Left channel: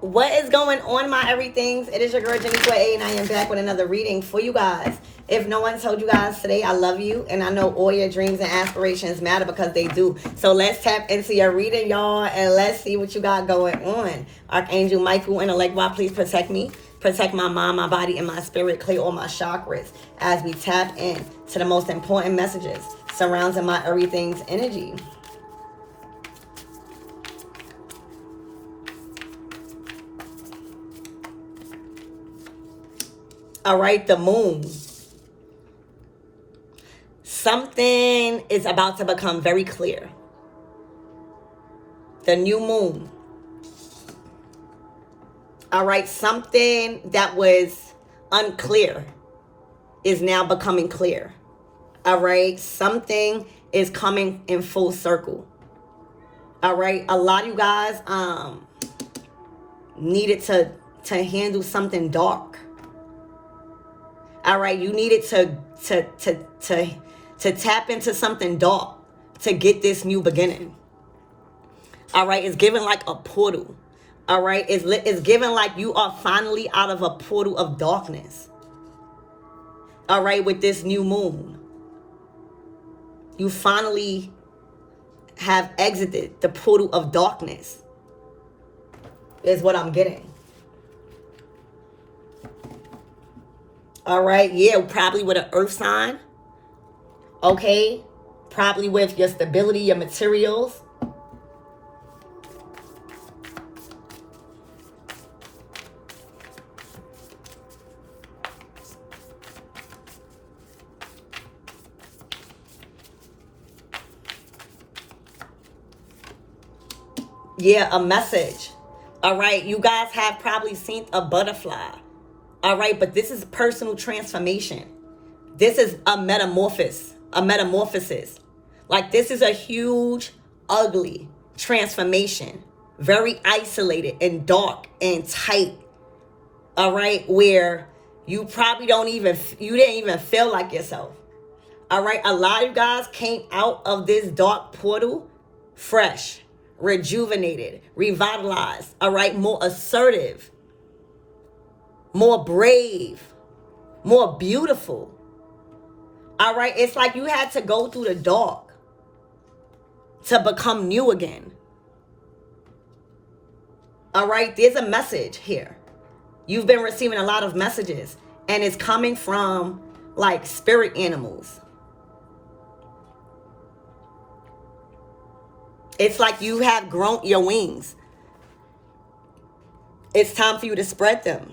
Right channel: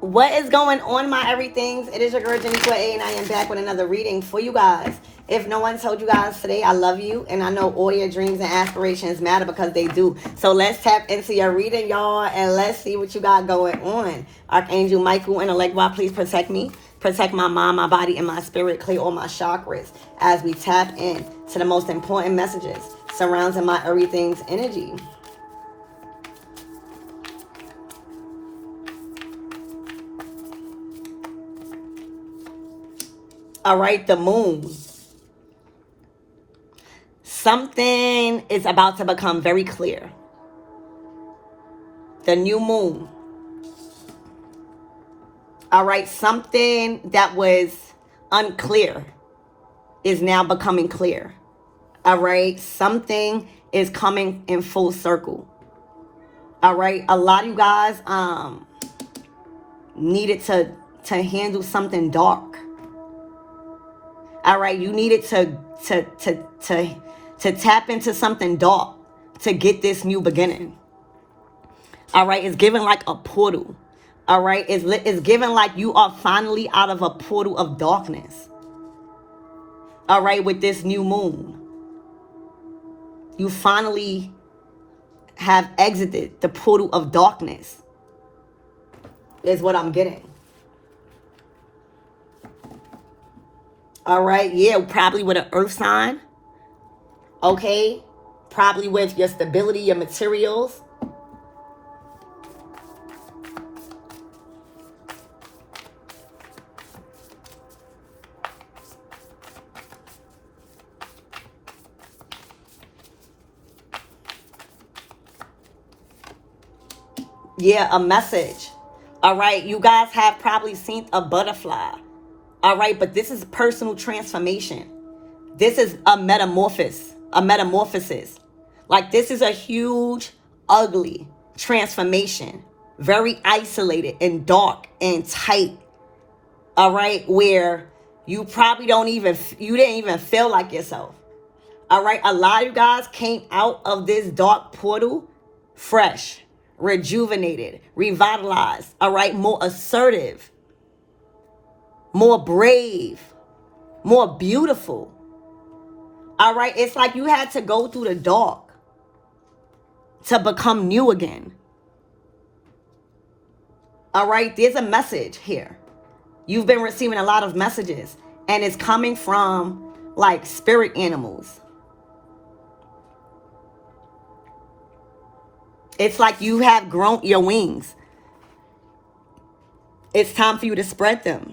What is going on, my everythings? It is your girl, Jenny A, and I am back with another reading for you guys. If no one told you guys today, I love you, and I know all your dreams and aspirations matter because they do. So let's tap into your reading, y'all, and let's see what you got going on. Archangel Michael and Allegra, please protect me. Protect my mind, my body, and my spirit. Clear all my chakras as we tap in to the most important messages surrounding my everything's energy. All right, the moon. Something is about to become very clear. The new moon. All right, something that was unclear is now becoming clear. All right, something is coming in full circle. All right, a lot of you guys needed to handle something dark. All right, you needed to tap into something dark to get this new beginning. All right, it's given like a portal. All right, it's given like you are finally out of a portal of darkness. All right, with this new moon, you finally have exited the portal of darkness, is what I'm getting. All right, yeah, probably with an earth sign. Okay, probably with your stability, your materials. Yeah, a message. All right, you guys have probably seen a butterfly. All right, but this is personal transformation. This is a metamorphosis. Like, this is a huge, ugly transformation. Very isolated and dark and tight. All right, where you probably you didn't even feel like yourself. All right, a lot of you guys came out of this dark portal fresh, rejuvenated, revitalized. All right, more assertive, more brave, more beautiful. All right, it's like you had to go through the dark to become new again. All right, there's a message here. You've been receiving a lot of messages, and it's coming from like spirit animals. It's like you have grown your wings. It's time for you to spread them.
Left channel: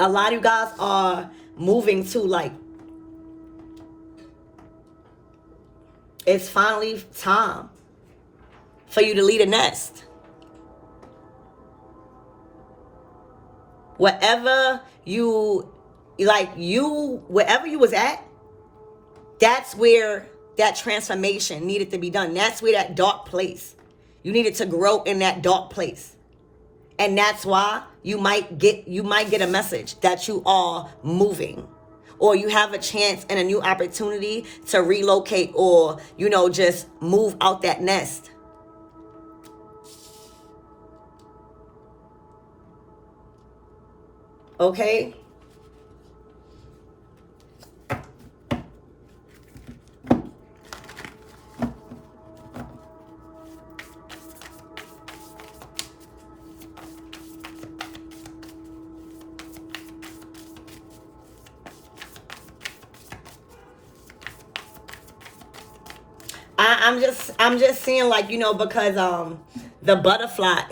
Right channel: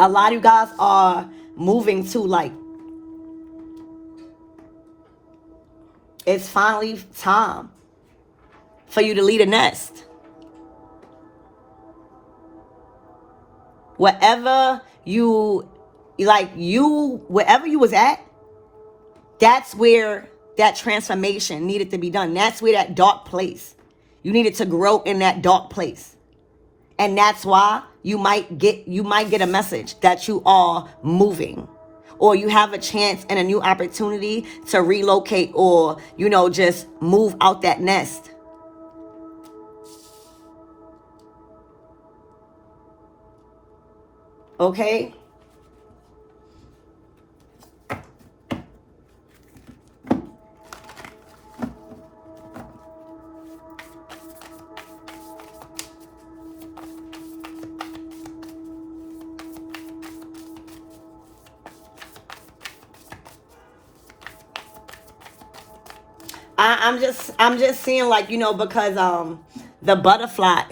A lot of you guys are moving to, like, it's finally time for you to leave a nest. Wherever you was at, that's where that transformation needed to be done. That's where that dark place, you needed to grow in that dark place. And that's why you might get a message that you are moving, or you have a chance and a new opportunity to relocate, or, just move out that nest. Okay? I'm just seeing, like, because the butterfly,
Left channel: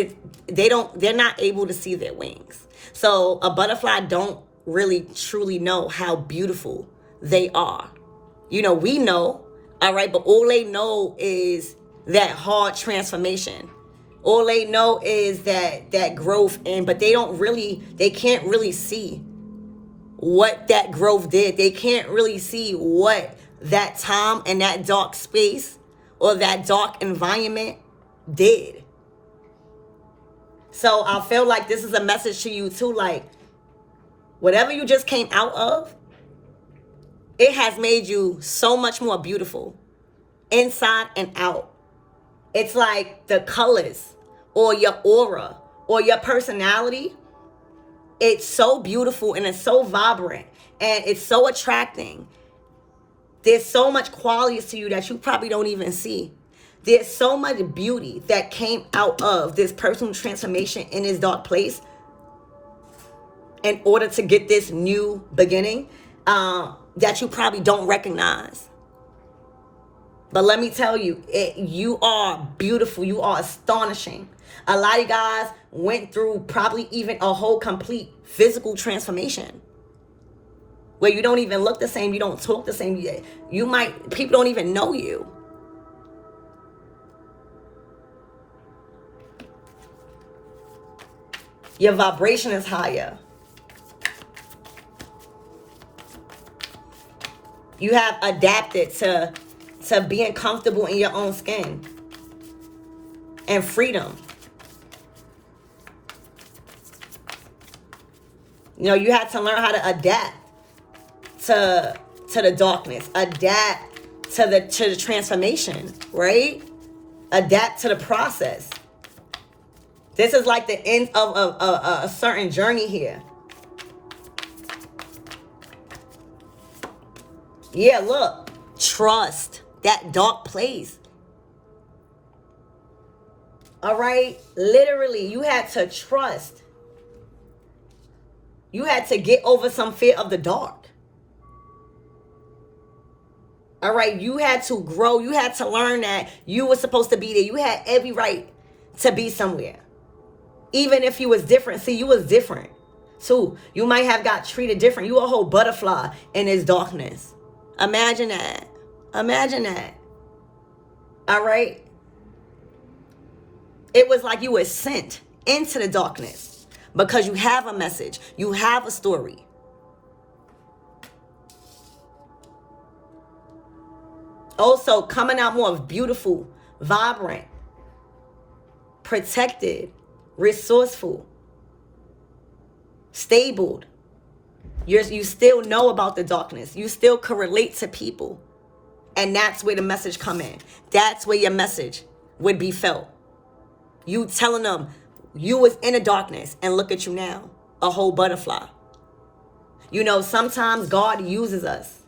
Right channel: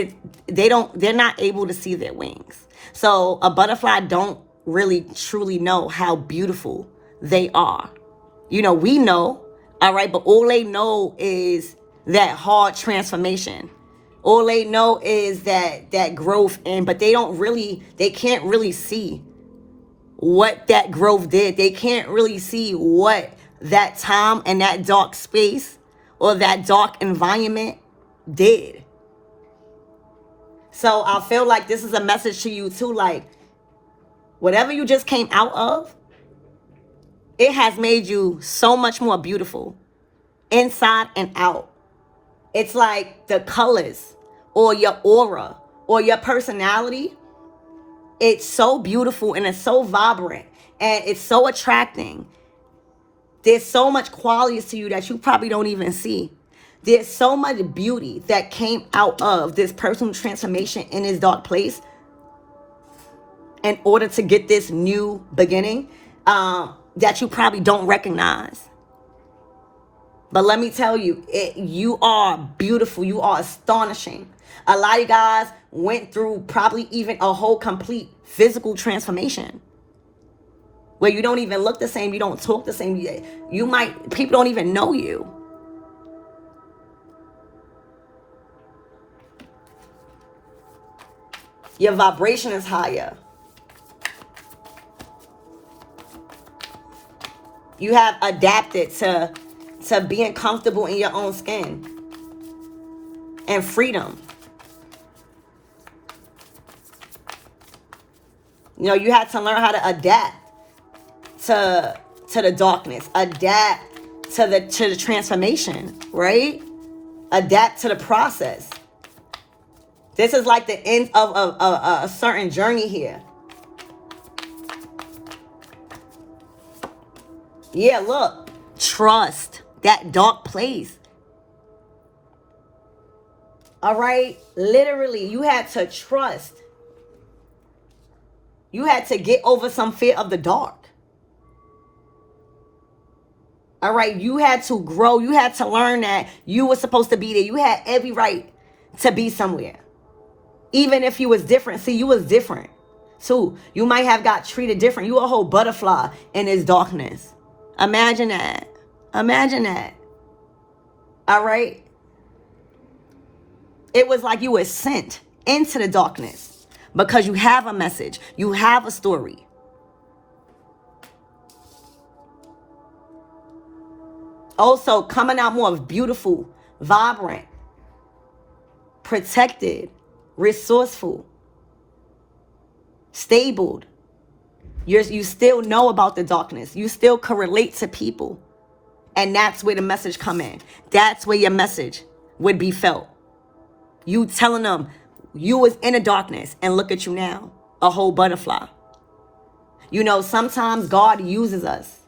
they're not able to see their wings. So a butterfly don't really truly know how beautiful they are. We know, all right, but all they know is that hard transformation. All they know is that growth, but they can't really see what that growth did. They can't really see what that time and that dark space or that dark environment did. So I feel like this is a message to you too, like, whatever you just came out of, it has made you so much more beautiful, inside and out. It's like the colors or your aura or your personality. It's so beautiful and it's so vibrant and it's so attracting. There's so much qualities to you that you probably don't even see. There's so much beauty that came out of this personal transformation in this dark place in order to get this new beginning that you probably don't recognize. But let me tell you, you are beautiful. You are astonishing. A lot of you guys went through probably even a whole complete physical transformation where you don't even look the same. You don't talk the same. People don't even know you. Your vibration is higher. You have adapted to being comfortable in your own skin and freedom. You know, you had to learn how to adapt to the darkness, adapt to the transformation, right? Adapt to the process. This is like the end of a certain journey here. Yeah, look, trust that dark place. All right, literally, you had to trust. You had to get over some fear of the dark. All right, you had to grow. You had to learn that you were supposed to be there. You had every right to be somewhere. Even if you was different. See, you was different. So you might have got treated different. You a whole butterfly in this darkness. Imagine that. Imagine that. All right. It was like you were sent into the darkness because you have a message. You have a story. Also coming out more beautiful, vibrant, protected, resourceful, stable. You still know about the darkness. You still can relate to people. And that's where the message come in. That's where your message would be felt. You telling them you was in the darkness and look at you now, a whole butterfly. You know, sometimes God uses us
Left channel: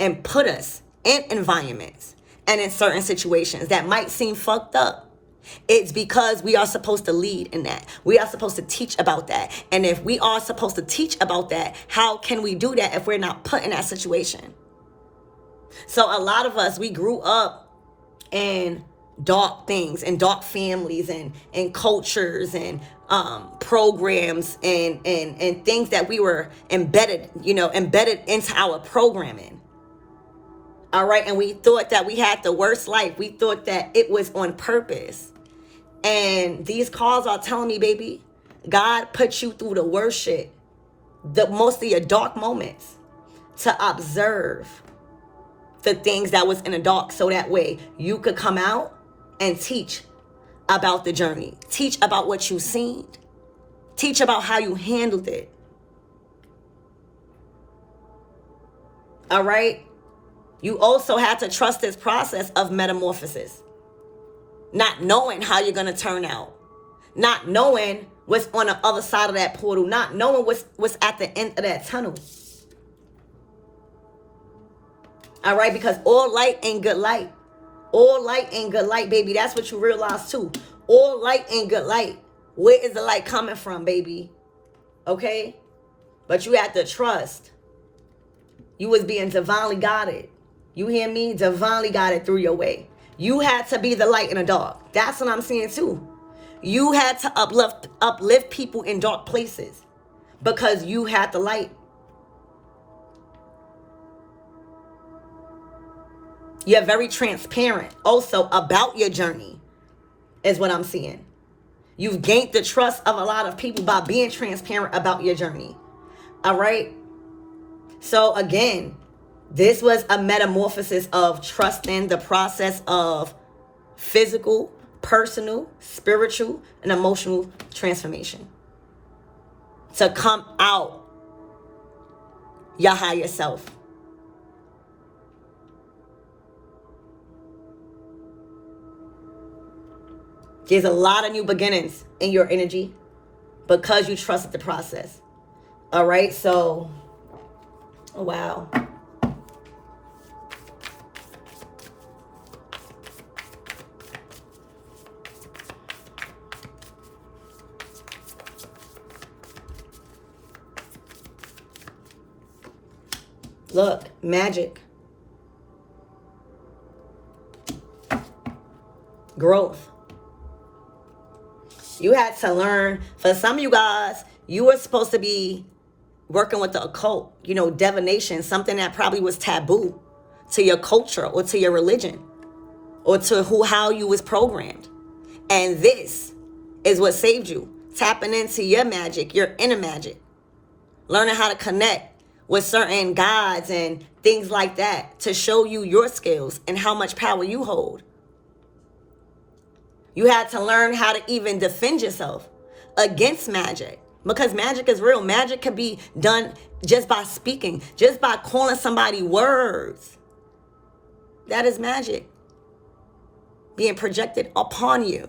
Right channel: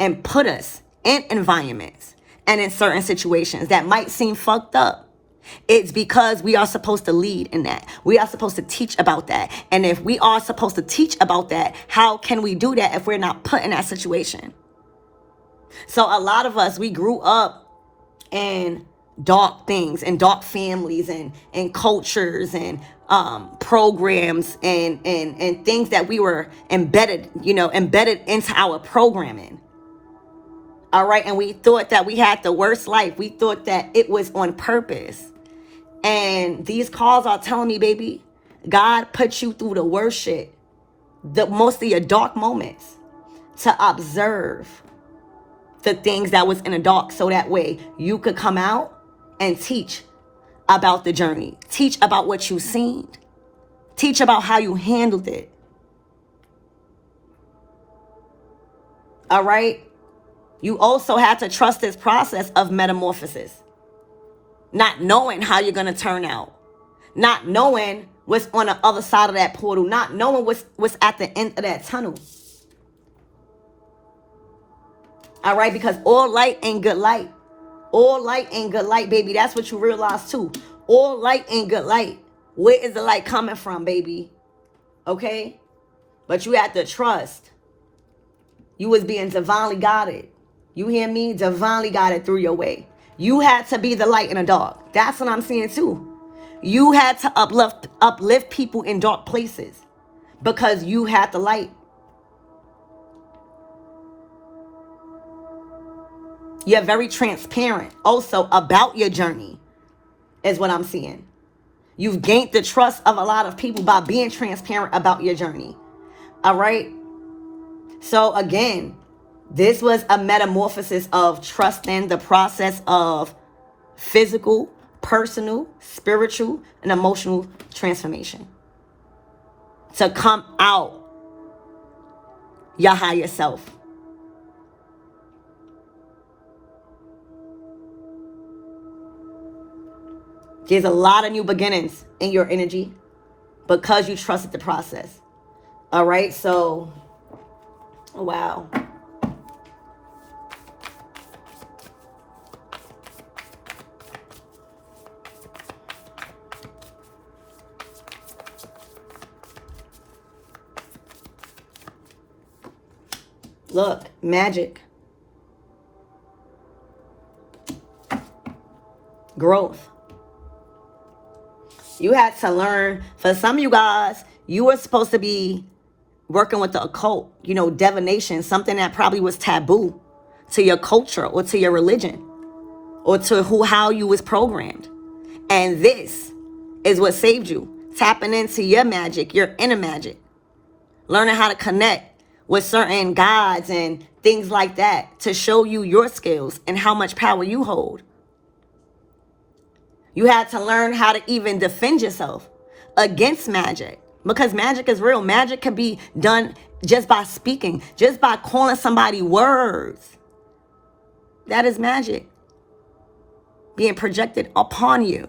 and put us in environments and in certain situations that might seem fucked up. It's because we are supposed to lead in that. We are supposed to teach about that. And if we are supposed to teach about that, how can we do that if we're not put in that situation? So a lot of us, we grew up in dark things and dark families and cultures and programs and things that we were embedded into our programming. All right. And we thought that we had the worst life. We thought that it was on purpose. And these cards are telling me, baby, God put you through the worst shit, most of your dark moments, to observe the things that was in the dark, so that way you could come out and teach about the journey, teach about what you've seen, teach about how you handled it. All right. You also had to trust this process of metamorphosis. Not knowing how you're going to turn out. Not knowing what's on the other side of that portal. Not knowing what's at the end of that tunnel. All right, because all light ain't good light. All light ain't good light, baby. That's what you realize too. All light ain't good light. Where is the light coming from, baby? Okay? But you have to trust. You was being divinely guided. You hear me? Divinely guided through your way. You had to be the light in the dark. That's what I'm saying too. You had to uplift people in dark places because you had the light. You're very transparent also about your journey, is what I'm seeing. You've gained the trust of a lot of people by being transparent about your journey. All right? So again, this was a metamorphosis of trusting the process of physical, personal, spiritual, and emotional transformation. To come out your higher self. There's a lot of new beginnings in your energy because you trusted the process. All right, so, wow. Look, magic. Growth. You had to learn. For some of you guys, you were supposed to be working with the occult, you know, divination, something that probably was taboo to your culture or to your religion or to how you was programmed. And this is what saved you. Tapping into your magic, your inner magic. Learning how to connect with certain gods and things like that to show you your skills and how much power you hold. You had to learn how to even defend yourself against magic, because magic is real. Magic can be done just by speaking, just by calling somebody words. That is magic being projected upon you,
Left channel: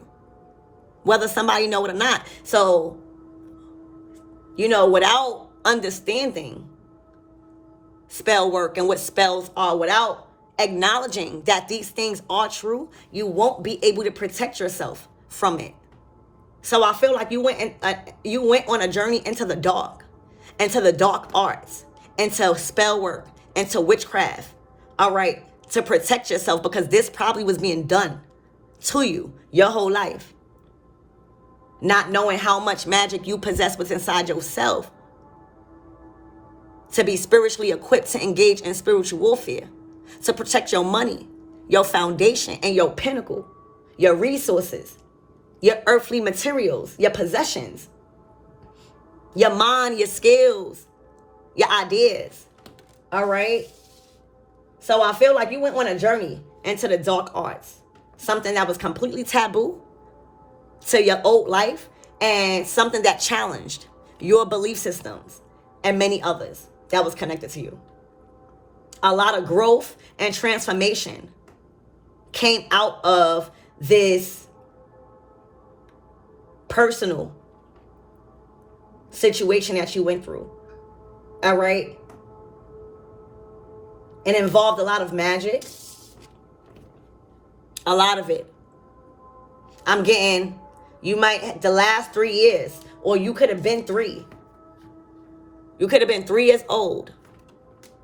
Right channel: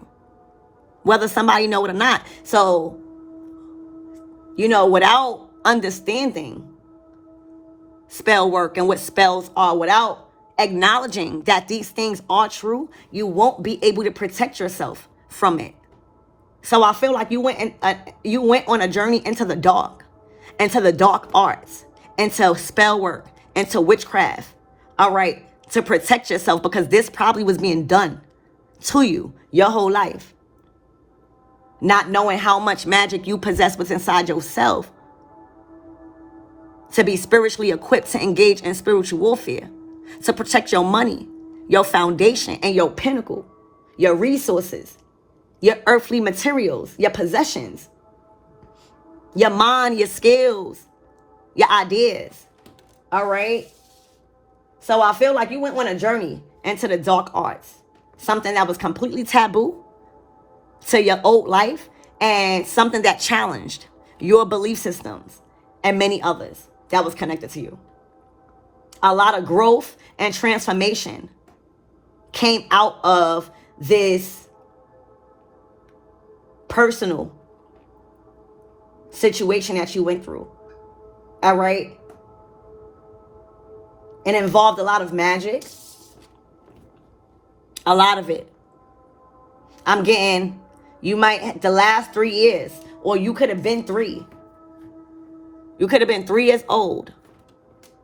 whether somebody know it or not. So, you know, without understanding spell work and what spells are, without acknowledging that these things are true, you won't be able to protect yourself from it. So I feel like you went on a journey into the dark arts, into spell work, into witchcraft. All right, to protect yourself, because this probably was being done to you your whole life, not knowing how much magic you possess within inside yourself to be spiritually equipped to engage in spiritual warfare, to protect your money, your foundation, and your pinnacle, your resources, your earthly materials, your possessions, your mind, your skills, your ideas. All right? So I feel like you went on a journey into the dark arts, something that was completely taboo to your old life, and something that challenged your belief systems and many others that was connected to you. A lot of growth and transformation came out of this personal situation that you went through. All right? It involved a lot of magic. A lot of it. I'm getting, you might, the last 3 years, or you could have been 3. You could have been 3 years old,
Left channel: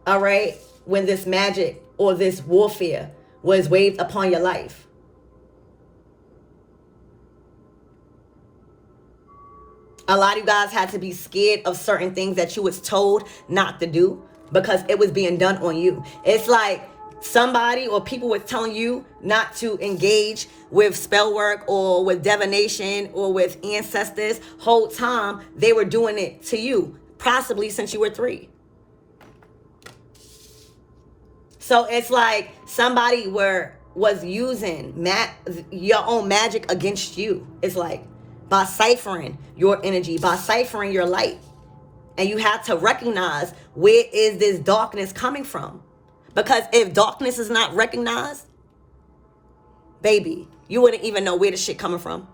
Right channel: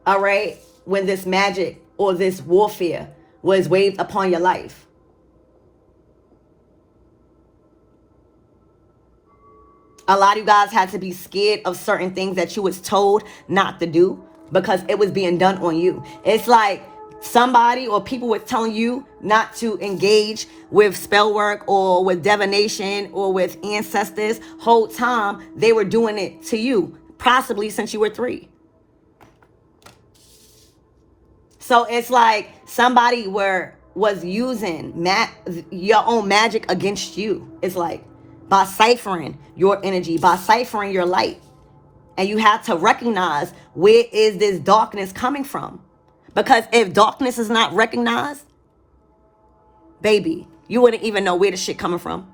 all right, when this magic or this warfare was waved upon your life. A lot of you guys had to be scared of certain things that you was told not to do because it was being done on you. It's like somebody or people were telling you not to engage with spell work or with divination or with ancestors. Whole time they were doing it to you, possibly since you were 3. So it's like somebody was using your own magic against you. It's like by ciphering your energy, by ciphering your light. And you have to recognize, where is this darkness coming from? Because if darkness is not recognized, baby, you wouldn't even know where the shit coming from.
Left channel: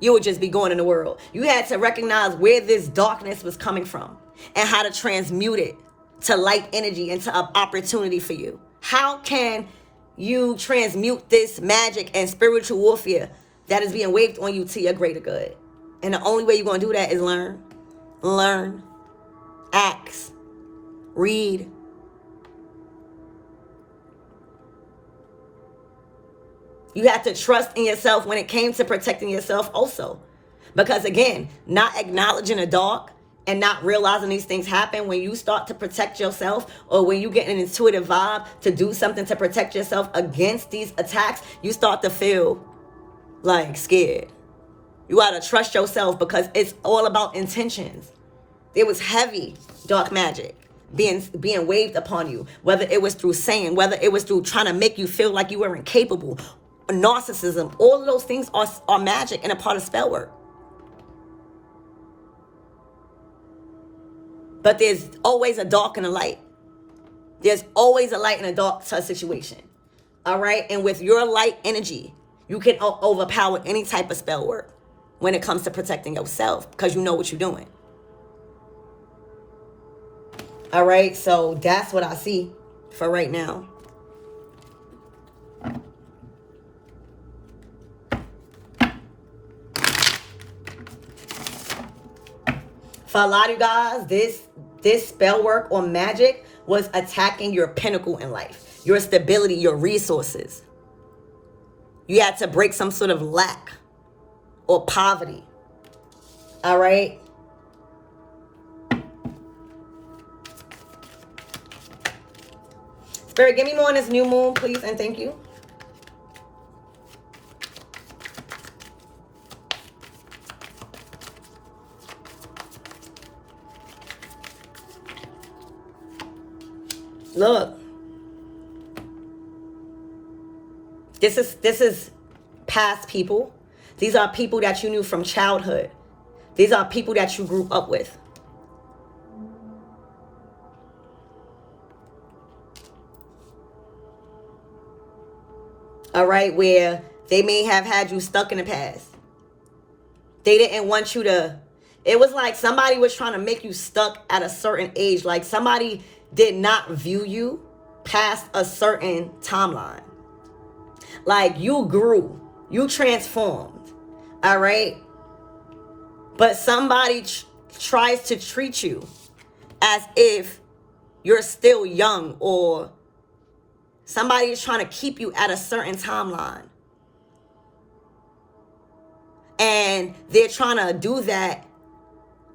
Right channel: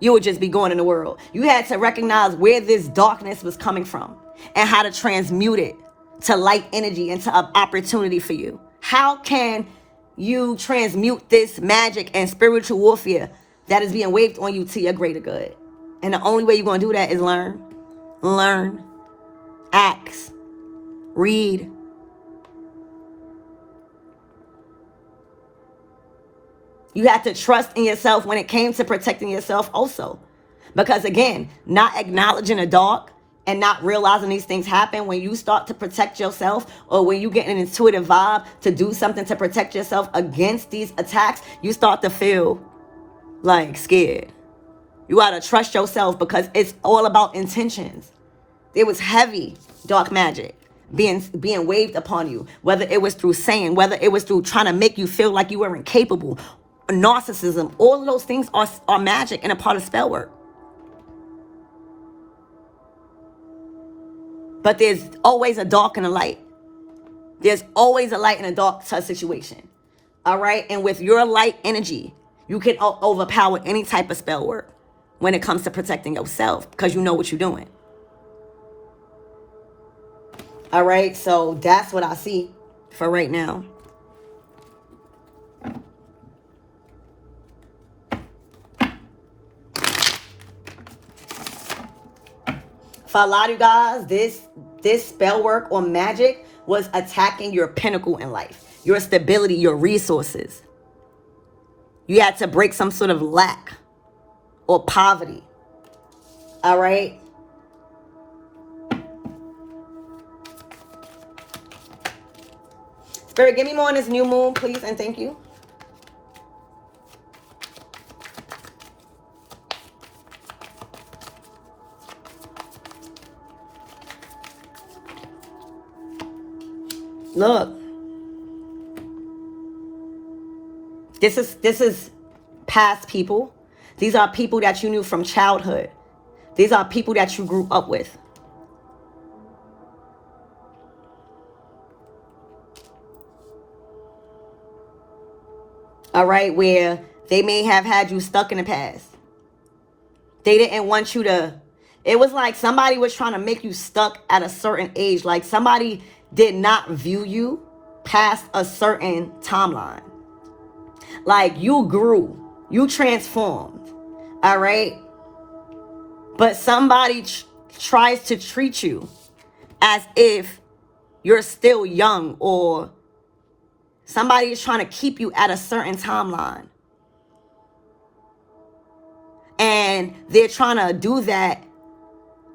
You would just be going in the world. You had to recognize where this darkness was coming from and how to transmute it to light energy and to an opportunity for you. How can you transmute this magic and spiritual warfare that is being waved on you to your greater good? And the only way you're going to do that is learn, ask, read. You have to trust in yourself when it came to protecting yourself also. Because again, not acknowledging the dark and not realizing these things happen, when you start to protect yourself, or when you get an intuitive vibe to do something to protect yourself against these attacks, you start to feel like scared. You gotta trust yourself, because it's all about intentions. It was heavy dark magic being waved upon you, whether it was through saying, whether it was through trying to make you feel like you were incapable, narcissism. All of those things are magic and a part of spell work. But there's always a dark and a light. There's always a light and a dark situation. All right? And with your light energy, You can overpower any type of spell work when it comes to protecting yourself because you know what you're doing. All right, so that's what I see for right now. For a lot of you guys, this spell work or magic was attacking your pinnacle in life, your stability, your resources. You had to break some sort of lack or poverty. All right. Spirit, give me more on this new moon, please, and thank you. Look. This is past people. These are people that you knew from childhood. These are people that you grew up with. All right, where they may have had you stuck in the past. They didn't want you to, it was like somebody was trying to make you stuck at a certain age. Like somebody did not view you past a certain timeline. Like you grew, you transformed, all right? But somebody tries to treat you as if you're still young, or somebody is trying to keep you at a certain timeline. And they're trying to do that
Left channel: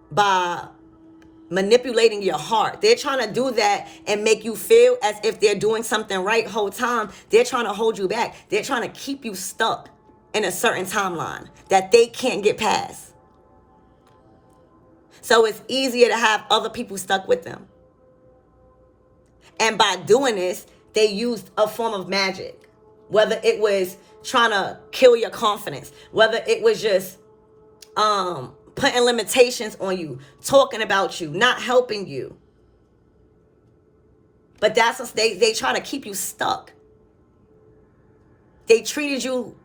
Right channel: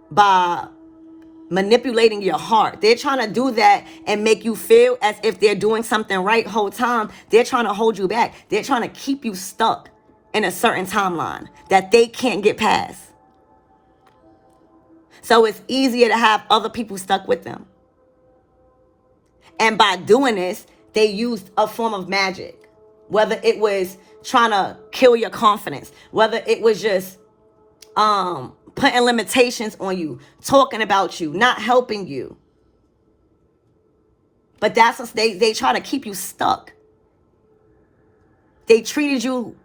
by manipulating your heart. They're trying to do that and make you feel as if they're doing something right the whole time. They're trying to hold you back. They're trying to keep you stuck in a certain timeline that they can't get past. So it's easier to have other people stuck with them. And by doing this, they used a form of magic. Whether it was trying to kill your confidence, whether it was just putting limitations on you, talking about you, not helping you. But that's what they try to keep you stuck. They treated you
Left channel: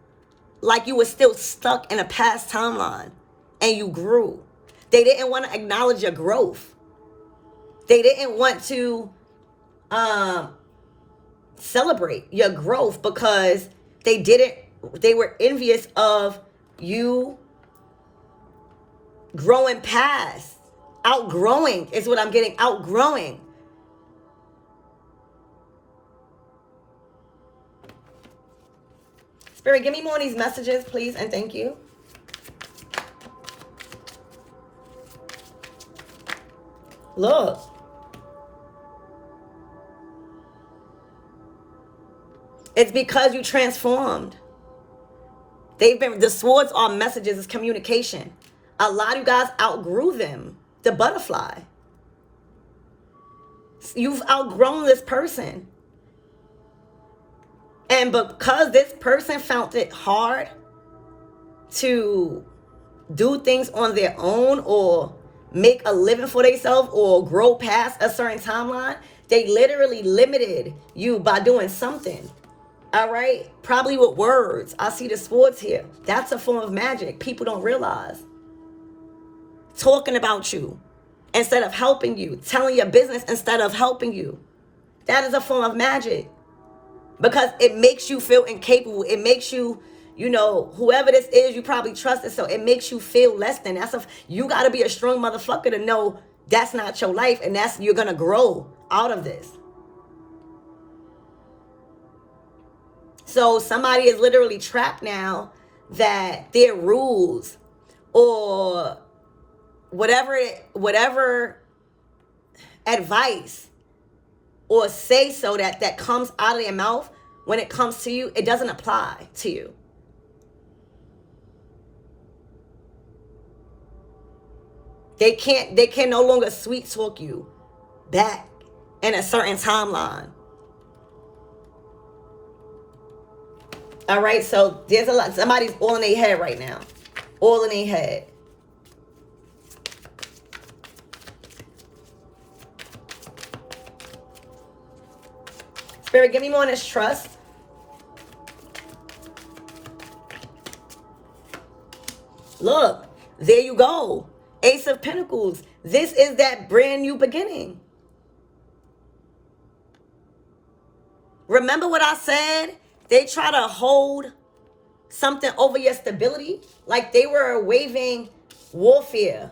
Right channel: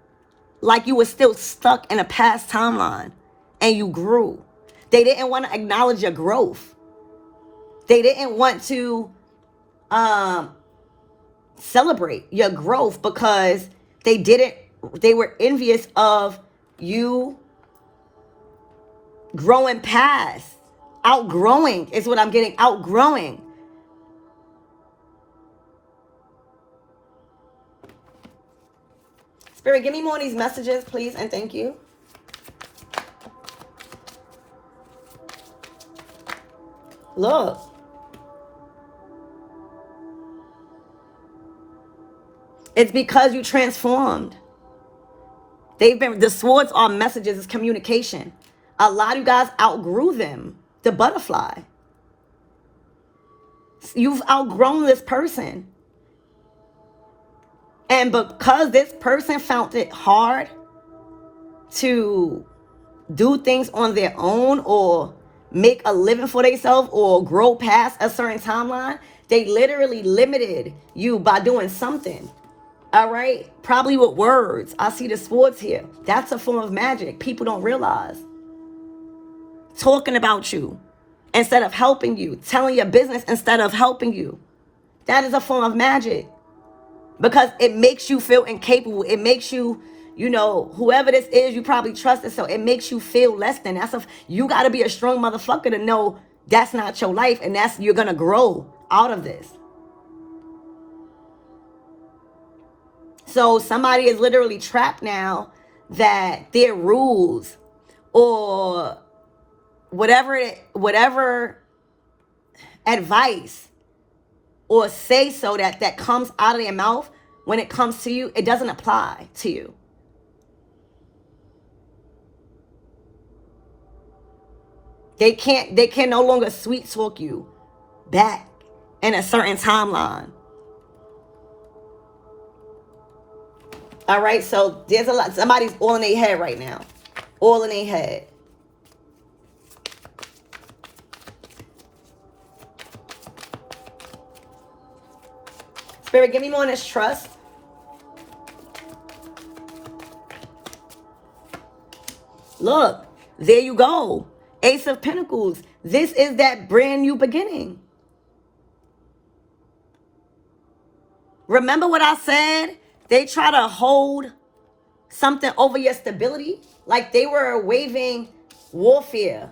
like you were still stuck in a past timeline and you grew. They didn't want to acknowledge your growth. They didn't want to celebrate your growth because they were envious of you growing past. Outgrowing is what I'm getting. Outgrowing. Spirit, give me more of these messages, please, and thank you. Look. It's because you transformed. The swords are messages, it's communication. A lot of you guys outgrew them. The butterfly. You've outgrown this person. And because this person found it hard to do things on their own or make a living for themselves or grow past a certain timeline, they literally limited you by doing something. All right? Probably with words. I see the swords here. That's a form of magic. People don't realize. Talking about you instead of helping you. Telling your business instead of helping you. That is a form of magic. Because it makes you feel incapable. It makes you, whoever this is, you probably trust it. So it makes you feel less than. You got to be a strong motherfucker to know that's not your life. And you're going to grow out of this. So somebody is literally trapped now that their rules or whatever advice or say so that comes out of their mouth when it comes to you, it doesn't apply to you. They can no longer sweet talk you back in a certain timeline. All right, so there's a lot. Somebody's all in their head right now. All in their head. Spirit, give me more on this trust. Look, there you go. Ace of Pentacles. This is that brand new beginning. Remember what I said? They try to hold something over your stability. Like they were waving warfare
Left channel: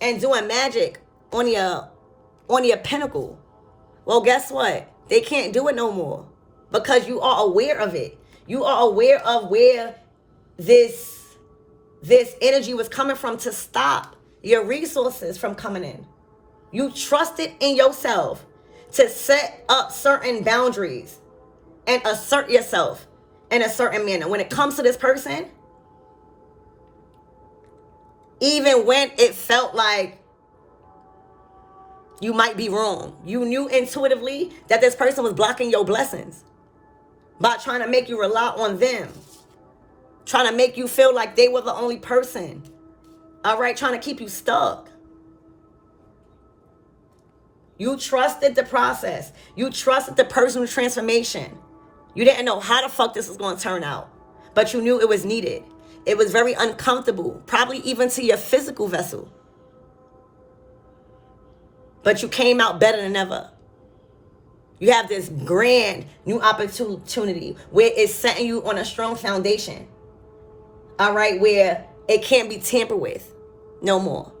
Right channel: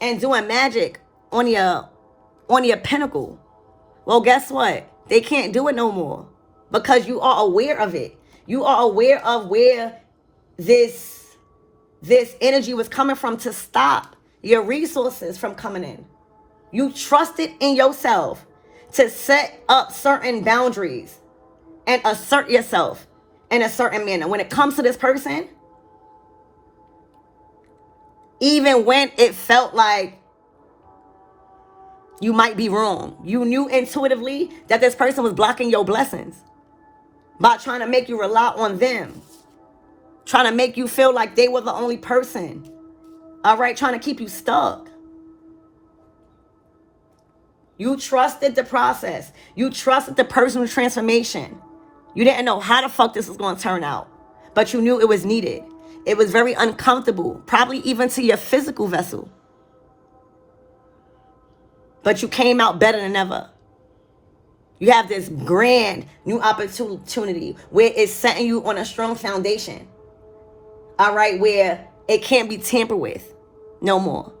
and doing magic on your pinnacle. Well, guess what? They can't do it no more because you are aware of it. You are aware of where this energy was coming from to stop your resources from coming in. You trusted in yourself to set up certain boundaries and assert yourself in a certain manner. When it comes to this person, even when it felt like you might be wrong, you knew intuitively that this person was blocking your blessings by trying to make you rely on them, trying to make you feel like they were the only person, all right, trying to keep you stuck. You trusted the process. You trusted the personal transformation. You didn't know how the fuck this was going to turn out, but you knew it was needed. It was very uncomfortable, probably even to your physical vessel. But you came out better than ever. You have this grand new opportunity where it's setting you on a strong foundation. All right, where it can't be tampered with no more.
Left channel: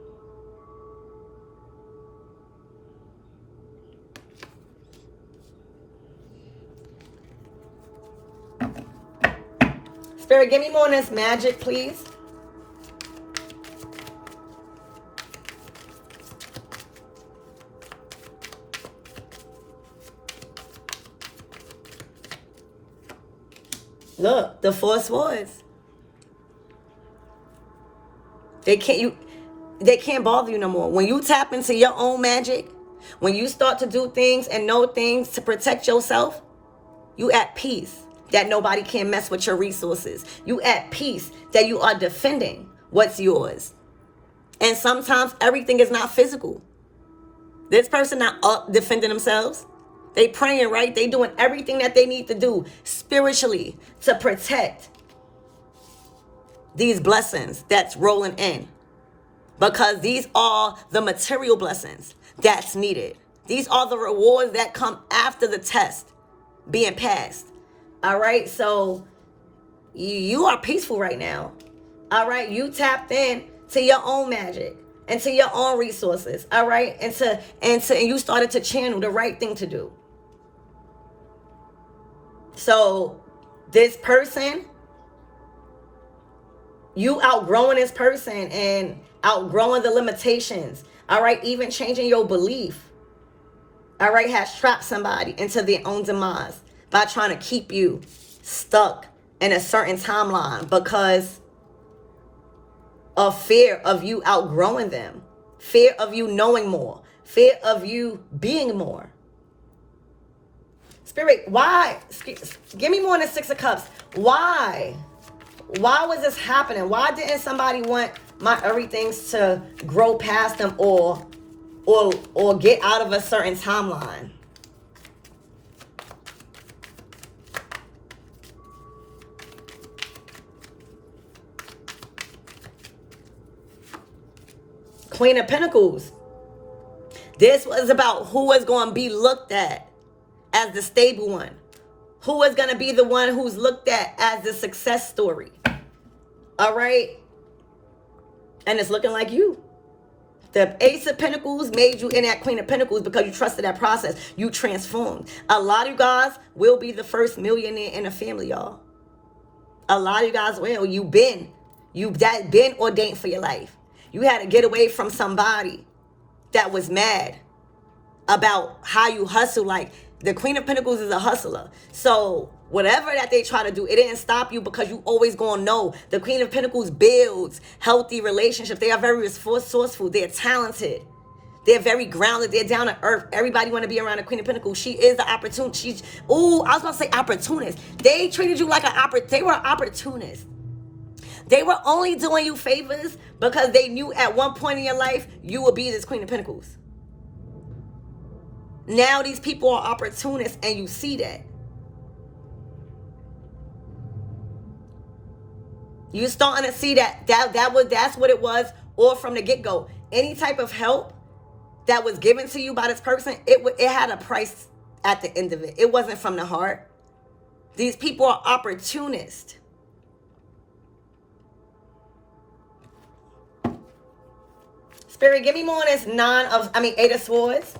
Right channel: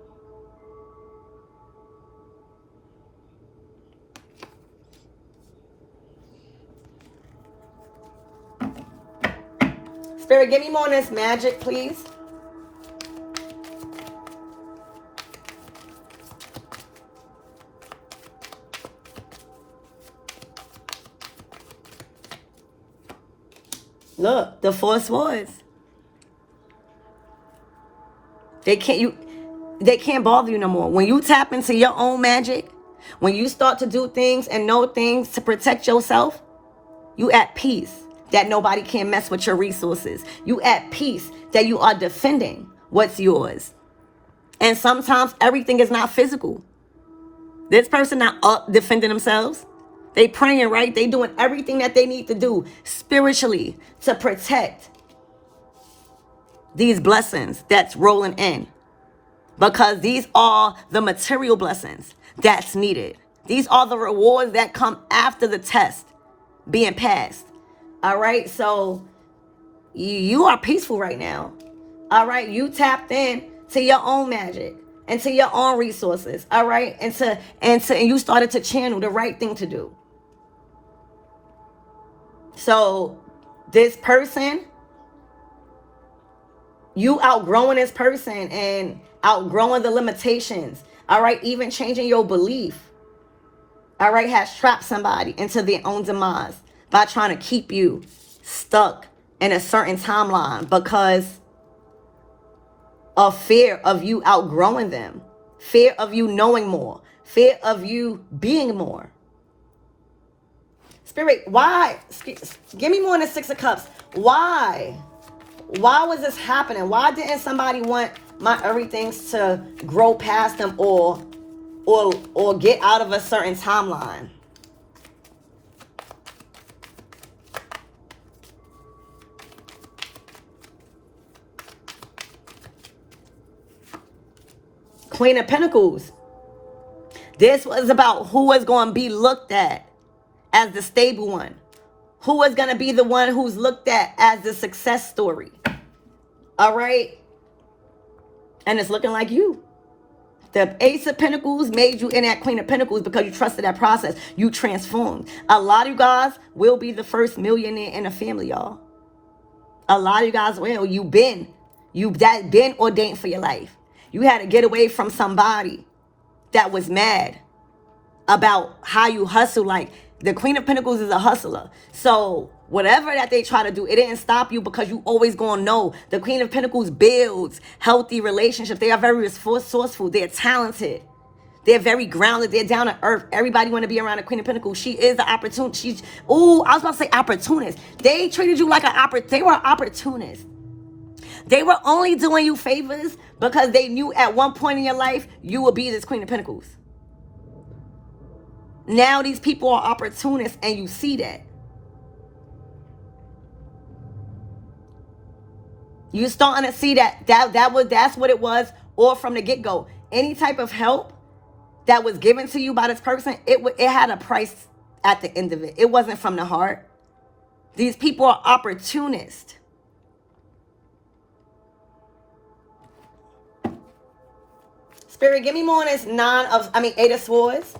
Spirit, give me more of this magic, please. Look, the Four Swords. They can't bother you no more. When you tap into your own magic, when you start to do things and know things to protect yourself, you at peace that nobody can mess with your resources. You at peace that you are defending what's yours. And sometimes everything is not physical. This person not defending themselves. They praying, right? They doing everything that they need to do spiritually to protect these blessings that's rolling in. Because these are the material blessings that's needed. These are the rewards that come after the test being passed. All right, so you are peaceful right now. All right, you tapped in to your own magic and to your own resources. All right, and you started to channel the right thing to do. So this person, you outgrowing this person and outgrowing the limitations. All right, even changing your belief. All right, has trapped somebody into their own demise by trying to keep you stuck in a certain timeline because of fear of you outgrowing them, fear of you knowing more, fear of you being more. Spirit, why? Give me more than Six of Cups. Why? Why was this happening? Why didn't somebody want my everythings to grow past them or get out of a certain timeline? Queen of Pentacles. This was about who was going to be looked at as the stable one. Who was going to be the one who's looked at as the success story. All right? And it's looking like you. The Ace of Pentacles made you in that Queen of Pentacles because you trusted that process. You transformed. A lot of you guys will be the first millionaire in a family, y'all. A lot of you guys will. You've been ordained for your life. You had to get away from somebody that was mad about how you hustle. Like, the Queen of Pentacles is a hustler. So whatever that they try to do, it didn't stop you because you always gonna know. The Queen of Pentacles builds healthy relationships. They are very resourceful. They're talented. They're very grounded. They're down to earth. Everybody want to be around the Queen of Pentacles. She is the opportunity. I was going to say opportunist. They treated you like they were opportunists. They were only doing you favors because they knew at one point in your life you would be this Queen of Pentacles. Now these people are opportunists and you see that. You starting to see that's what it was all from the get-go. Any type of help that was given to you by this person, it had a price at the end of it. It wasn't from the heart. These people are opportunists. Spirit, give me more on this 8 of Swords.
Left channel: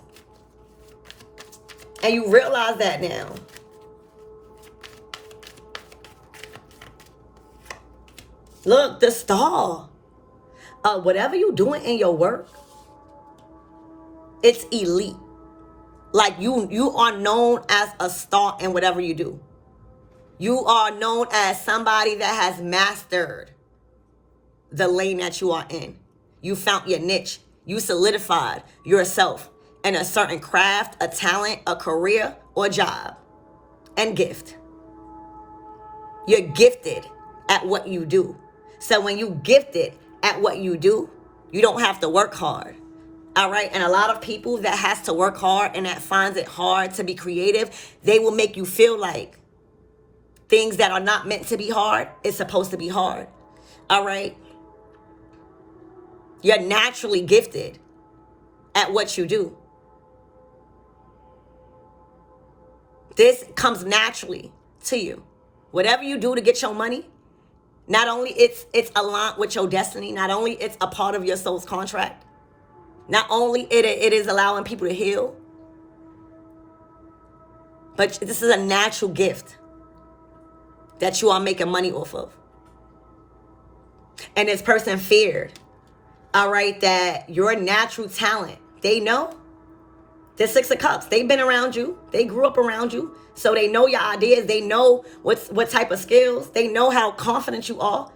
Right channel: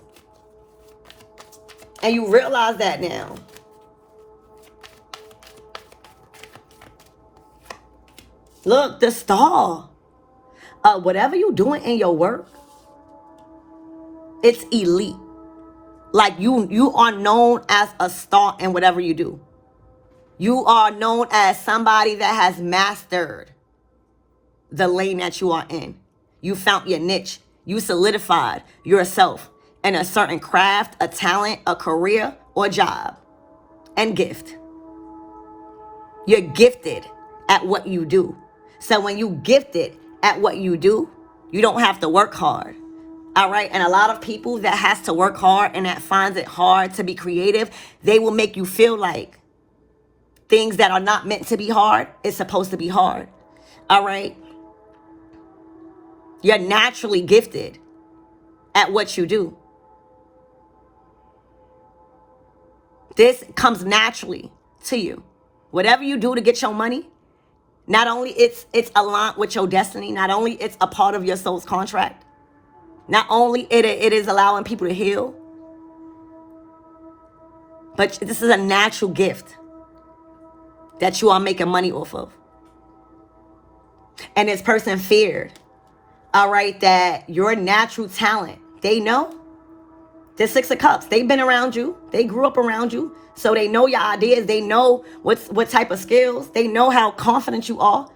And you realize that now. Look, the Star. Whatever you're doing in your work, it's elite. Like you are known as a star in whatever you do. You are known as somebody that has mastered the lane that you are in. You found your niche. You solidified yourself in a certain craft, a talent, a career, or job, and gift. You're gifted at what you do. So when you gifted at what you do, you don't have to work hard. All right. And a lot of people that has to work hard and that finds it hard to be creative, they will make you feel like things that are not meant to be hard is supposed to be hard. All right. You're naturally gifted at what you do. This comes naturally to you. Whatever you do to get your money, not only it's aligned with your destiny, not only it's a part of your soul's contract, not only it is allowing people to heal, but this is a natural gift that you are making money off of. And this person feared, all right, that your natural talent, they know. The 6 of Cups, they've been around you. They grew up around you. So they know your ideas. They know what type of skills. They know how confident you are.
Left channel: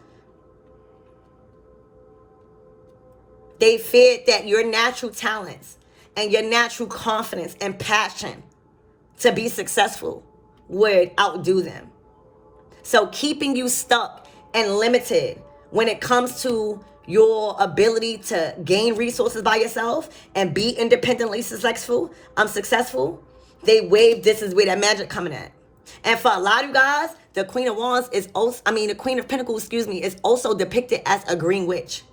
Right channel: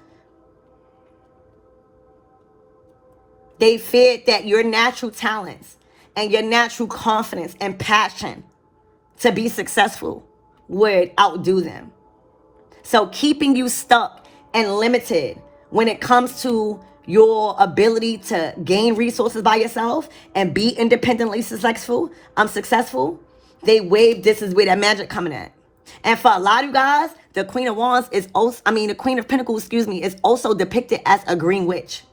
They feared that your natural talents and your natural confidence and passion to be successful would outdo them. So keeping you stuck and limited when it comes to your ability to gain resources by yourself and be independently successful, they wave, this is where that magic coming at. And for a lot of you guys, the Queen of Wands is also, the Queen of Pentacles, is also depicted as a green witch.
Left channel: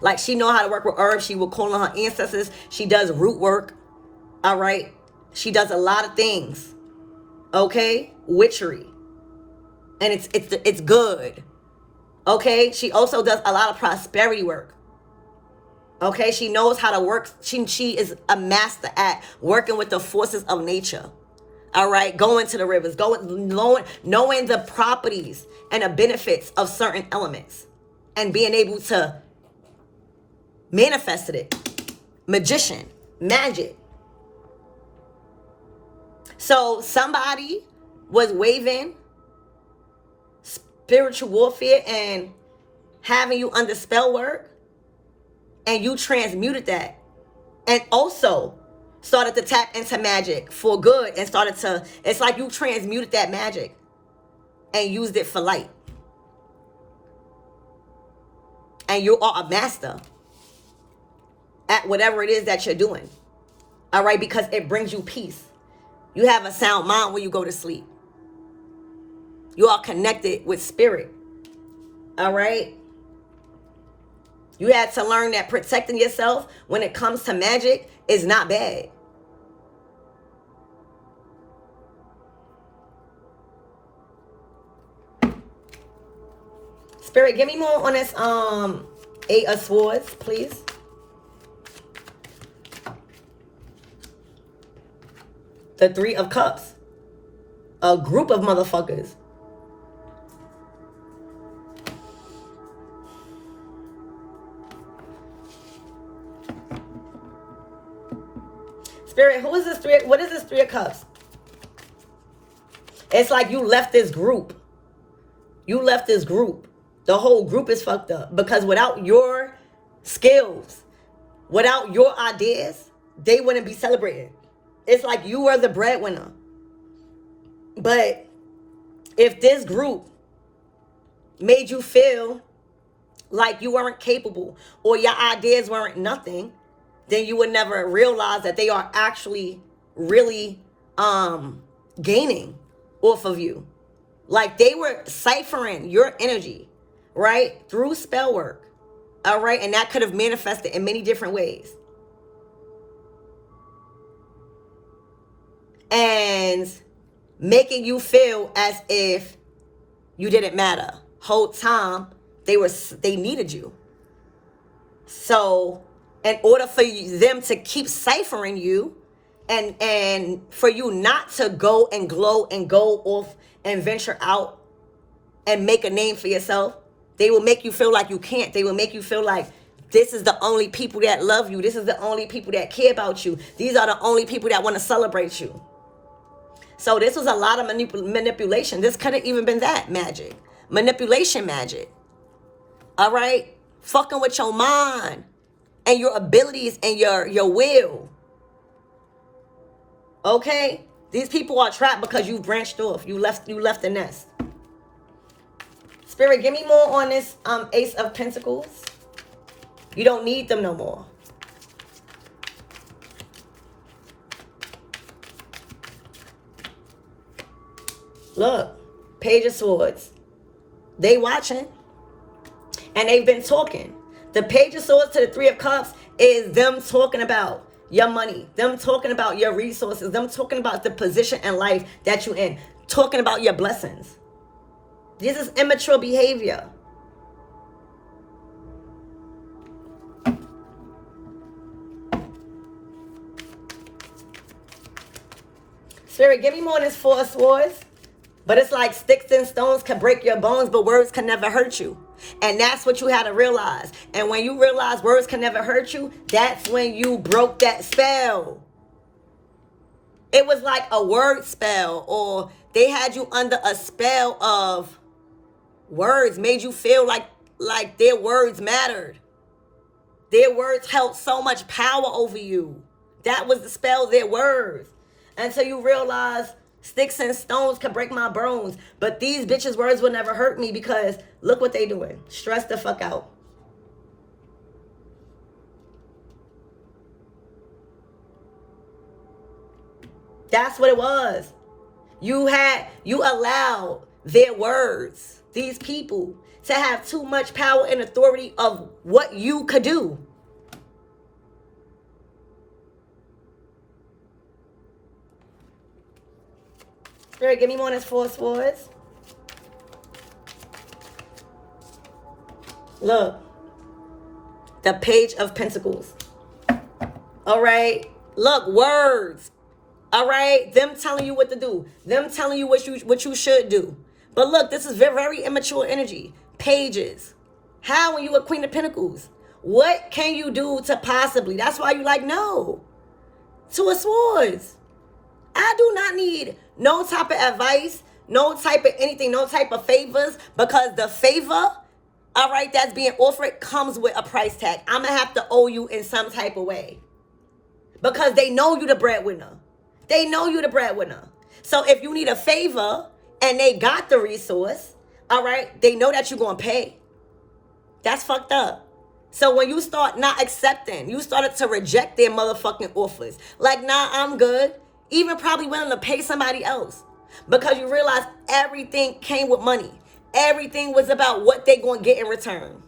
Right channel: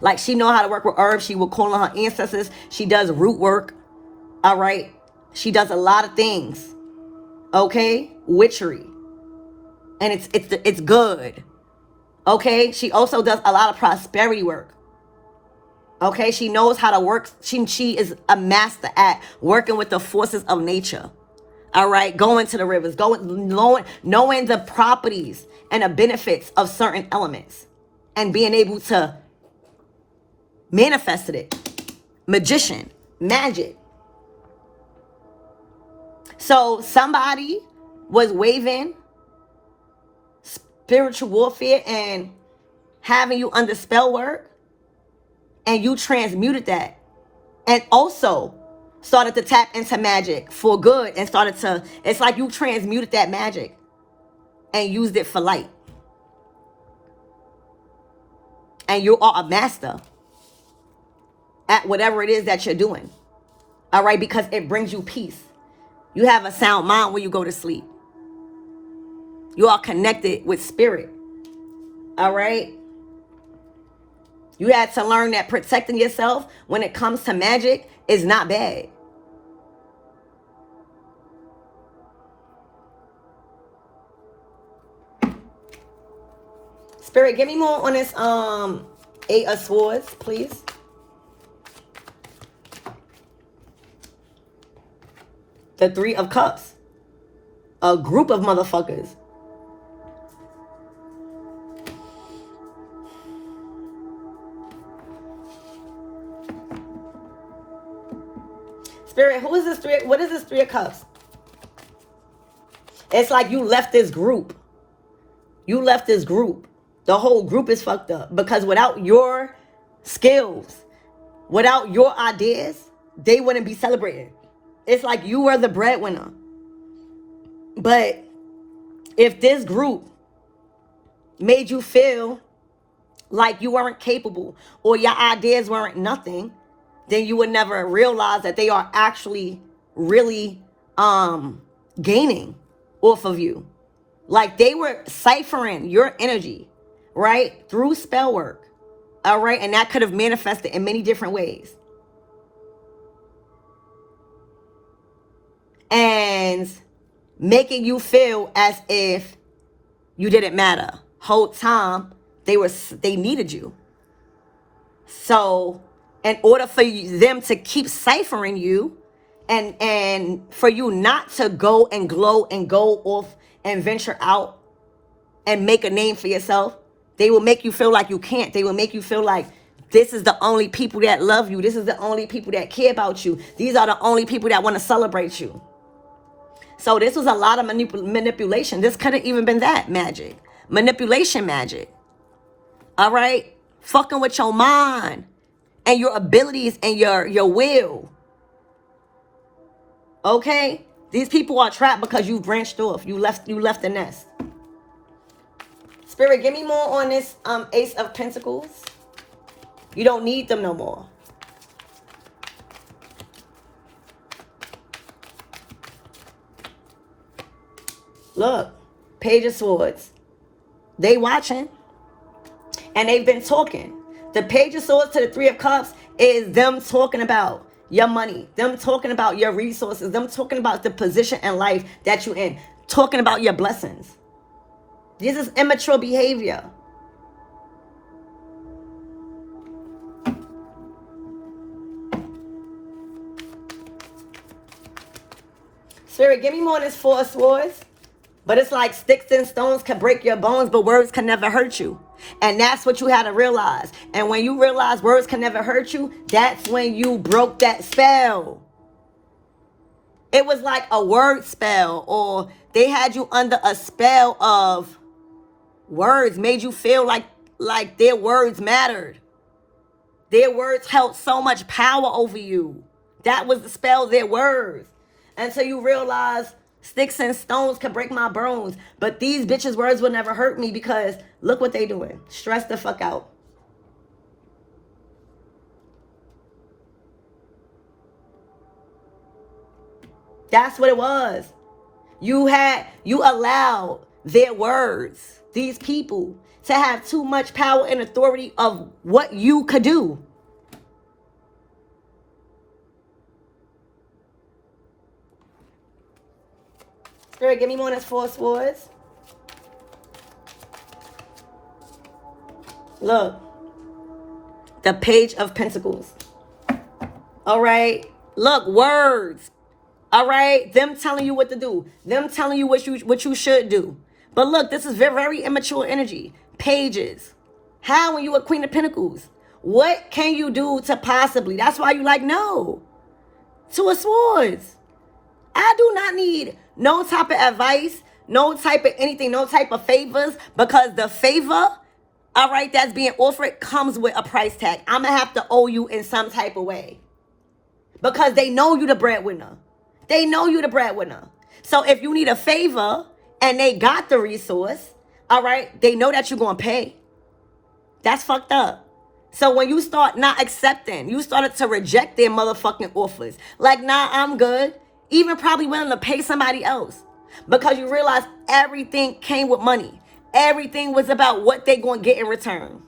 Like she know how to work with herbs. She will call on her ancestors. She does root work. All right. She does a lot of things. Okay. Witchery. And it's good. Okay, she also does a lot of prosperity work. Okay, she knows how to work. She is a master at working with the forces of nature. All right, going to the rivers, knowing the properties and the benefits of certain elements and being able to manifest it. Magician, magic. So somebody was waving spiritual warfare and having you under spell work, and you transmuted that and also started to tap into magic for good and it's like you transmuted that magic and used it for light. And you are a master at whatever it is that you're doing. All right, because it brings you peace. You have a sound mind when you go to sleep. You are connected with spirit. All right. You had to learn that protecting yourself when it comes to magic is not bad. Spirit, give me more on this 8 of Swords, please. The 3 of Cups. A group of motherfuckers. Spirit, who is this 3? What is this 3 of Cups? It's like you left this group. You left this group. The whole group is fucked up. Because without your skills, without your ideas, they wouldn't be celebrated. It's like you were the breadwinner. But if this group made you feel like you weren't capable or your ideas weren't nothing, then you would never realize that they are actually really gaining off of you. Like they were ciphering your energy right? Through spell work. All right. And that could have manifested in many different ways. And making you feel as if you didn't matter. Whole time they needed you. So in order for them to keep ciphering you and for you not to go and glow and go off and venture out and make a name for yourself, they will make you feel like you can't. They will make you feel like this is the only people that love you. This is the only people that care about you. These are the only people that want to celebrate you. So this was a lot of manipulation. This could have even been that magic. Manipulation magic. All right? Fucking with your mind and your abilities and your will. Okay? These people are trapped because you branched off. You left the nest. Spirit, give me more on this Ace of Pentacles. You don't need them no more. Look, Page of Swords. They watching. And they've been talking. The Page of Swords to the Three of Cups is them talking about your money. Them talking about your resources. Them talking about the position in life that you're in. Talking about your blessings. This is immature behavior. Spirit, give me more of this Four of Swords. But it's like sticks and stones can break your bones, but words can never hurt you. And that's what you had to realize. And when you realize words can never hurt you, that's when you broke that spell. It was like a word spell, or they had you under a spell of words, made you feel like their words mattered. Their words held so much power over you. That was the spell, their words. Until you realize sticks and stones can break my bones, but these bitches' words will never hurt me because look what they doing. Stress the fuck out. That's what it was. You allowed their words, these people, to have too much power and authority of what you could do. Spirit, give me more on this Four of Swords. Look. The Page of Pentacles. All right. Look, words. All right. Them telling you what to do. Them telling you what you should do. But look, this is very, very immature energy. Pages. How when you a Queen of Pentacles? What can you do to possibly? That's why you like, no. Two of Swords. I do not need no type of advice, no type of anything, no type of favors, because the favor, all right, that's being offered comes with a price tag. I'm going to have to owe you in some type of way because they know you the breadwinner. They know you the breadwinner. So if you need a favor and they got the resource, all right, they know that you're going to pay. That's fucked up. So when you start not accepting, you started to reject their motherfucking offers. Like, nah, I'm good. Even probably willing to pay somebody else. Because you realize everything came with money. Everything was about what they going to get in return.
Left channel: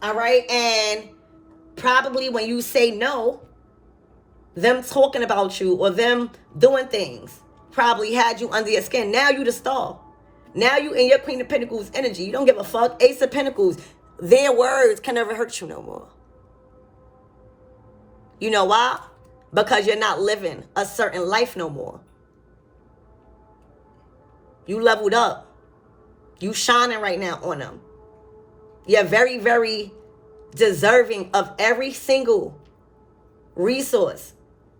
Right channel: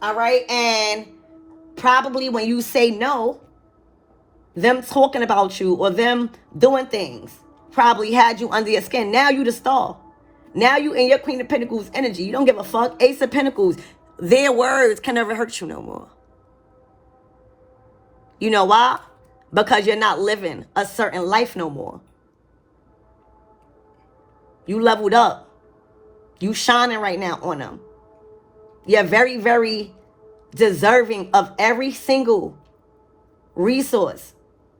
All right? And probably when you say no, them talking about you or them doing things probably had you under your skin. Now you the star. Now you in your Queen of Pentacles energy. You don't give a fuck. Ace of Pentacles. Their words can never hurt you no more. You know why? Because you're not living a certain life no more. You leveled up. You shining right now on them. You're very, very deserving of every single resource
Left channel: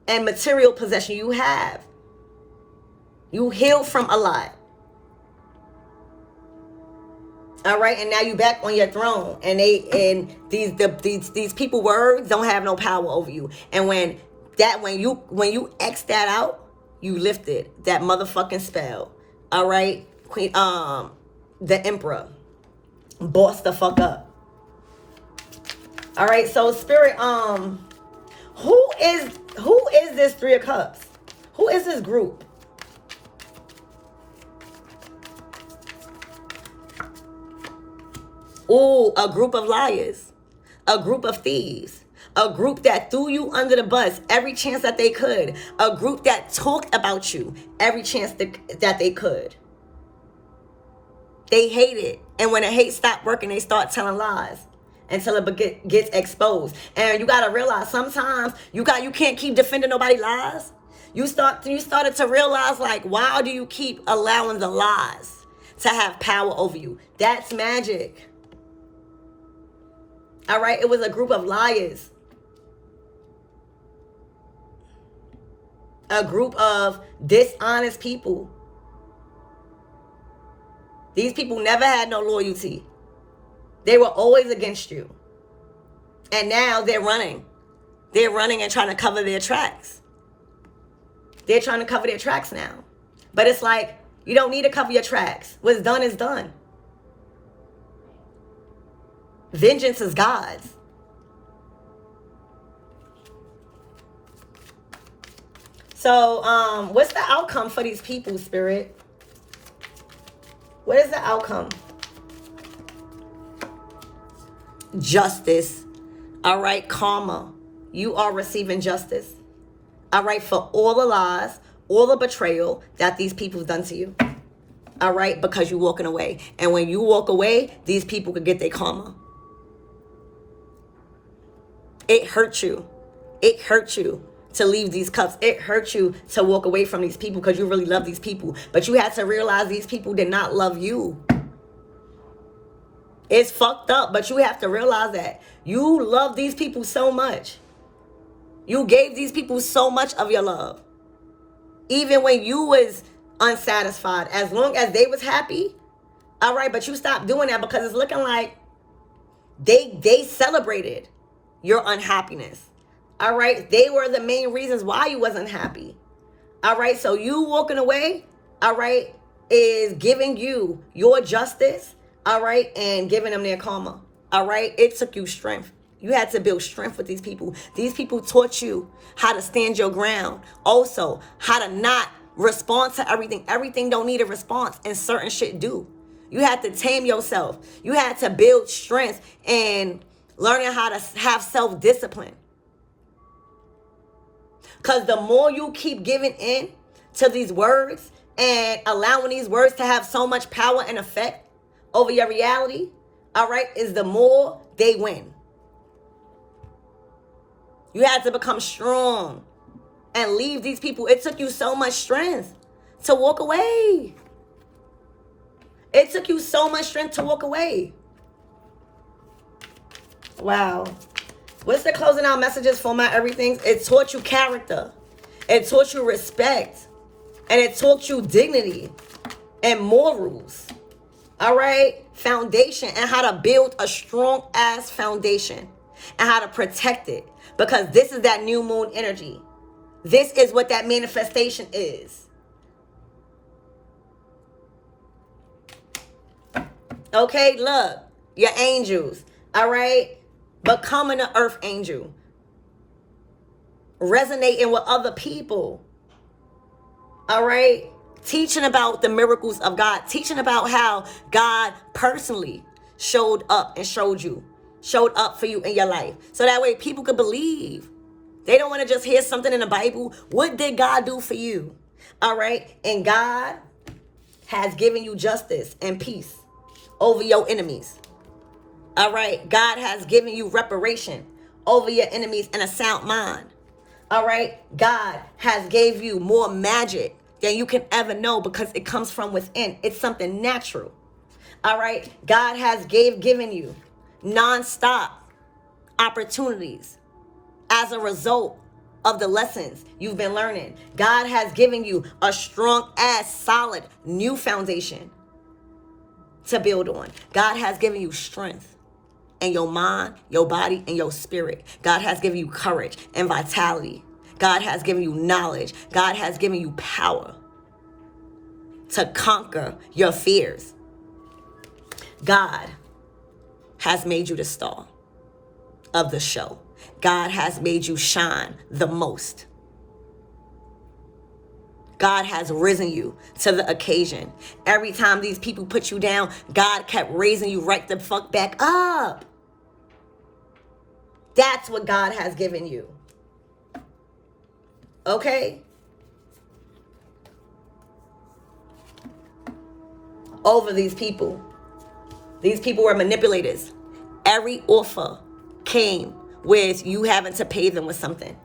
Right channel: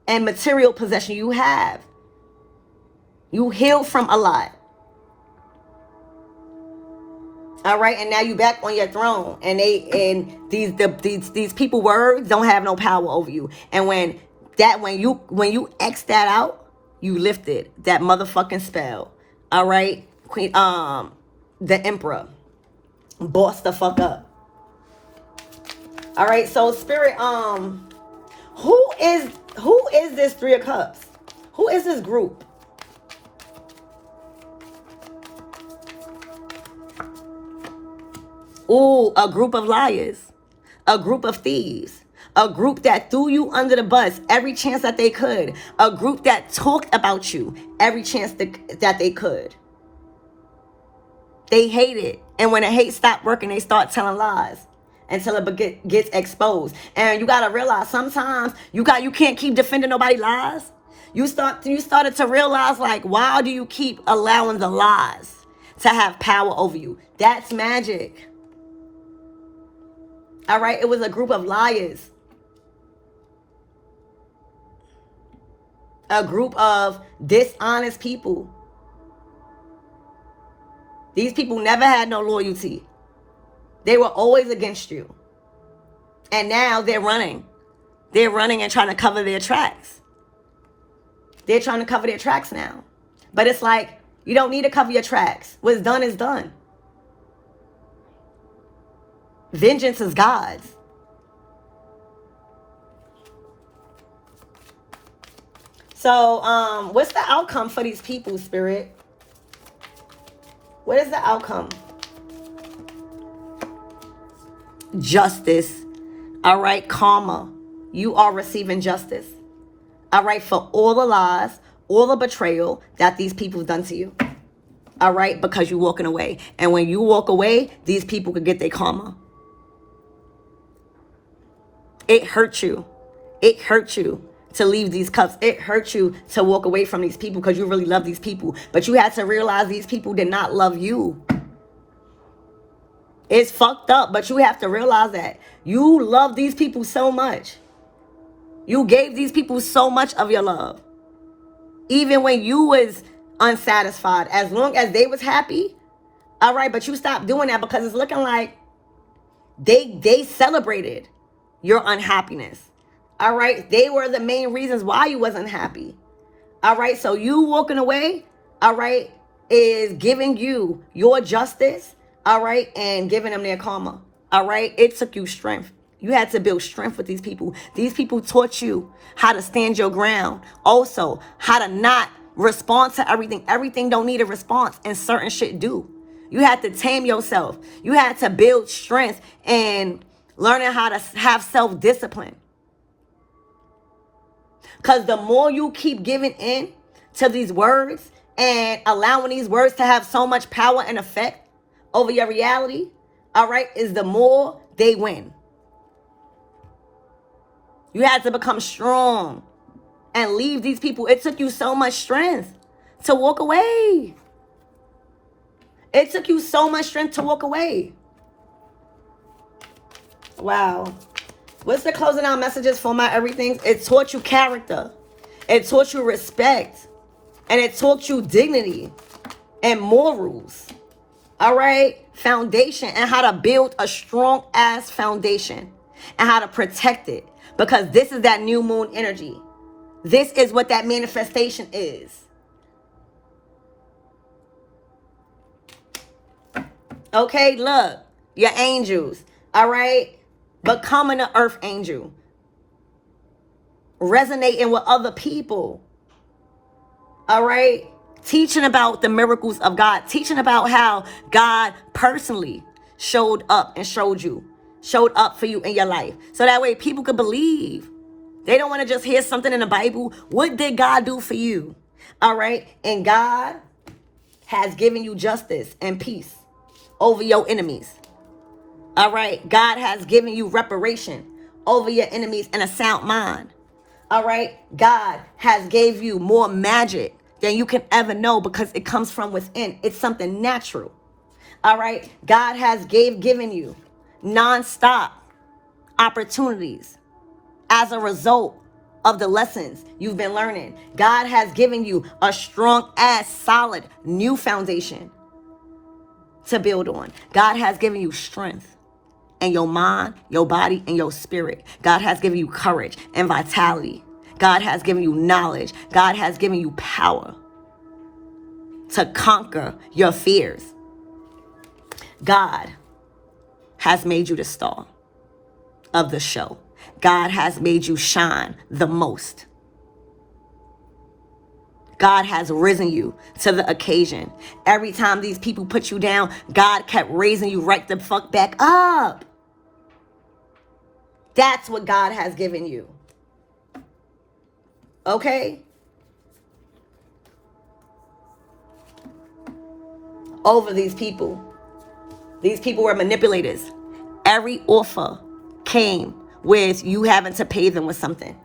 and material possession you have. You heal from a lot. All right, and now you back on your throne, and these people words don't have no power over you. And when you X that out, you lifted that motherfucking spell. All right, Queen, the Emperor, boss the fuck up. All right, so Spirit, who is this Three of Cups? Who is this group? Ooh, a group of liars, a group of thieves, a group that threw you under the bus every chance that they could, a group that talked about you every chance that they could. They hate it. And when the hate stopped working, they start telling lies until it gets exposed. And you got to realize sometimes you can't keep defending nobody's lies. You started to realize, like, why do you keep allowing the lies to have power over you? That's magic. All right, it was a group of liars. A group of dishonest people. These people never had no loyalty. They were always against you. And now they're running. They're running and trying to cover their tracks. They're trying to cover their tracks now. But it's like, you don't need to cover your tracks. What's done is done. Vengeance is God's. So, what's the outcome for these people, Spirit? What is the outcome? Justice. All right, karma. You are receiving justice. All right, for all the lies, all the betrayal that these people have done to you. All right, because you're walking away. And when you walk away, these people could get their karma. It hurt you. It hurt you to leave these cups. It hurt you to walk away from these people because you really love these people. But you had to realize these people did not love you. It's fucked up, but you have to realize that. You love these people so much. You gave these people so much of your love. Even when you was unsatisfied, as long as they was happy. All right, but you stopped doing that because it's looking like they celebrated your unhappiness. All right, they were the main reasons why you wasn't happy. All right, so you walking away, all right, is giving you your justice, all right, and giving them their karma. All right, it took you strength. You had to build strength with these people. These people taught you how to stand your ground. Also, how to not respond to everything. Everything don't need a response, and certain shit do. You had to tame yourself. You had to build strength and learning how to have self-discipline. Because the more you keep giving in to these words and allowing these words to have so much power and effect over your reality, all right, is the more they win. You had to become strong and leave these people. It took you so much strength to walk away. It took you so much strength to walk away. Wow. What's the closing out messages for my everything? It taught you character. It taught you respect. And it taught you dignity and morals. All right? Foundation, and how to build a strong ass foundation and how to protect it. Because this is that new moon energy. This is what that manifestation is. Okay, look. Your angels. All right? Becoming an earth angel. Resonating with other people. All right? Teaching about the miracles of God. Teaching about how God personally showed up and showed up for you in your life. So that way people could believe. They don't want to just hear something in the Bible. What did God do for you? All right? And God has given you justice and peace over your enemies. All right? God has given you reparation over your enemies and a sound mind. All right? God has gave you more magic than you can ever know because it comes from within. It's something natural. All right? God has given you non-stop opportunities as a result of the lessons you've been learning. God has given you a strong ass, solid, new foundation to build on. God has given you strength in your mind, your body, and your spirit. God has given you courage and vitality. God has given you knowledge. God has given you power to conquer your fears. God has made you the star of the show. God has made you shine the most. God has risen you to the occasion. Every time these people put you down, God kept raising you right the fuck back up. That's what God has given you. Okay? Over these people. These people were manipulators. Every offer came with you having to pay them with something.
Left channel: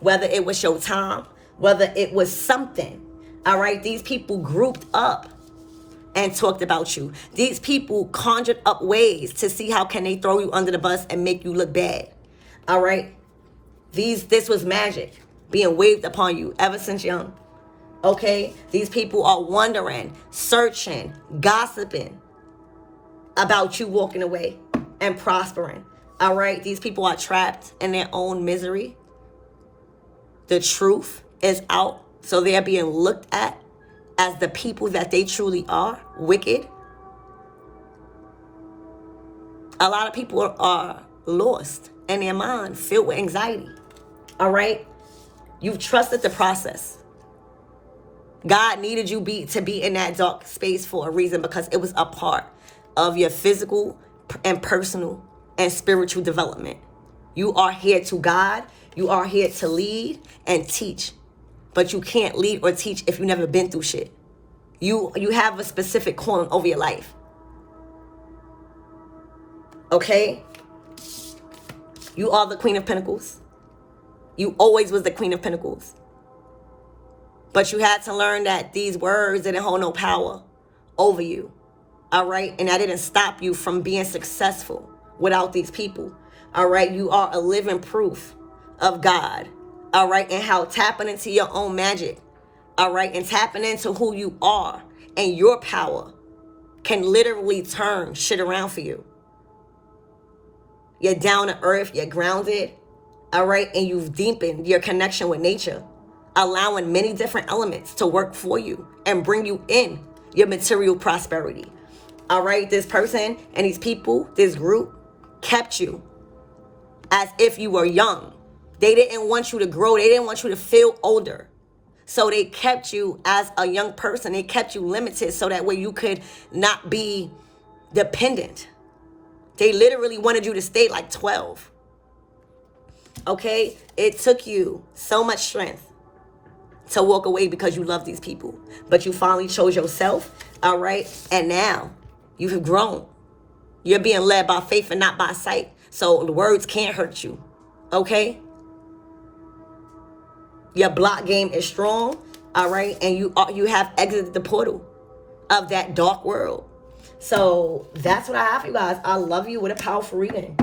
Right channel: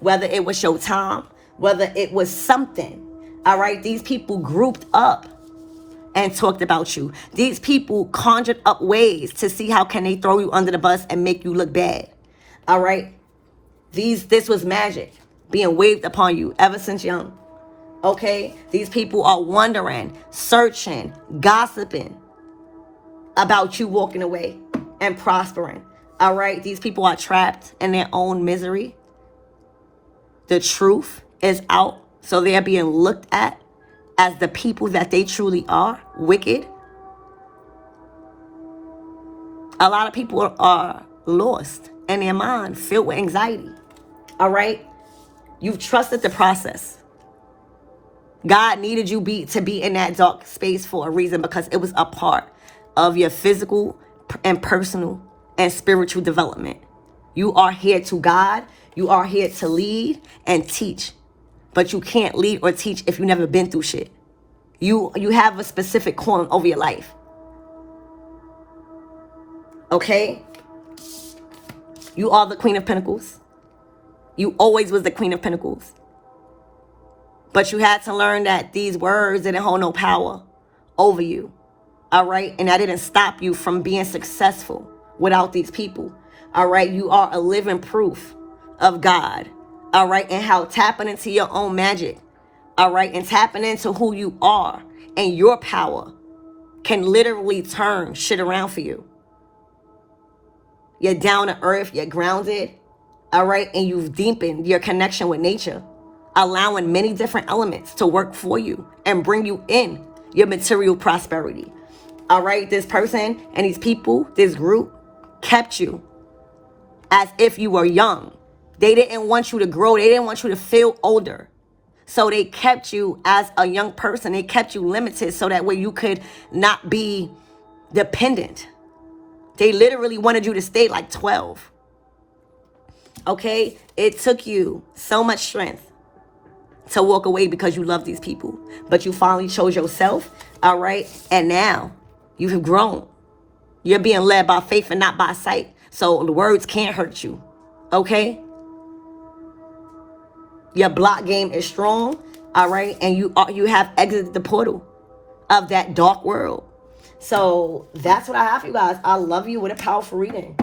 Whether it was your time, whether it was something. All right? These people grouped up and talked about you. These people conjured up ways to see how can they throw you under the bus and make you look bad. All right? This was magic being waved upon you ever since young. Okay? These people are wondering, searching, gossiping about you walking away and prospering. All right? These people are trapped in their own misery. The truth is out, so they're being looked at as the people that they truly are, wicked. A lot of people are lost in their mind, filled with anxiety. All right? You've trusted the process. God needed you to be in that dark space for a reason, because it was a part of your physical and personal and spiritual development. You are here to guide. You are here to lead and teach. But you can't lead or teach if you've never been through shit. You have a specific calling over your life. Okay? You are the Queen of Pentacles. You always was the Queen of Pentacles. But you had to learn that these words didn't hold no power over you. All right? And that didn't stop you from being successful without these people. All right? You are a living proof of God. All right? And how tapping into your own magic. All right? And tapping into who you are and your power can literally turn shit around for you. You're down to earth. You're grounded. All right? And you've deepened your connection with nature, allowing many different elements to work for you and bring you in your material prosperity. All right? This person and these people, this group, kept you as if you were young. They didn't want you to grow. They didn't want you to feel older. So they kept you as a young person. They kept you limited so that way you could not be dependent. They literally wanted you to stay like 12. Okay? It took you so much strength to walk away because you love these people. But you finally chose yourself. All right? And now you have grown. You're being led by faith and not by sight. So the words can't hurt you. Okay? Your block game is strong. All right? And you have exited the portal of that dark world. So that's what I have for you guys. I love you with a powerful reading.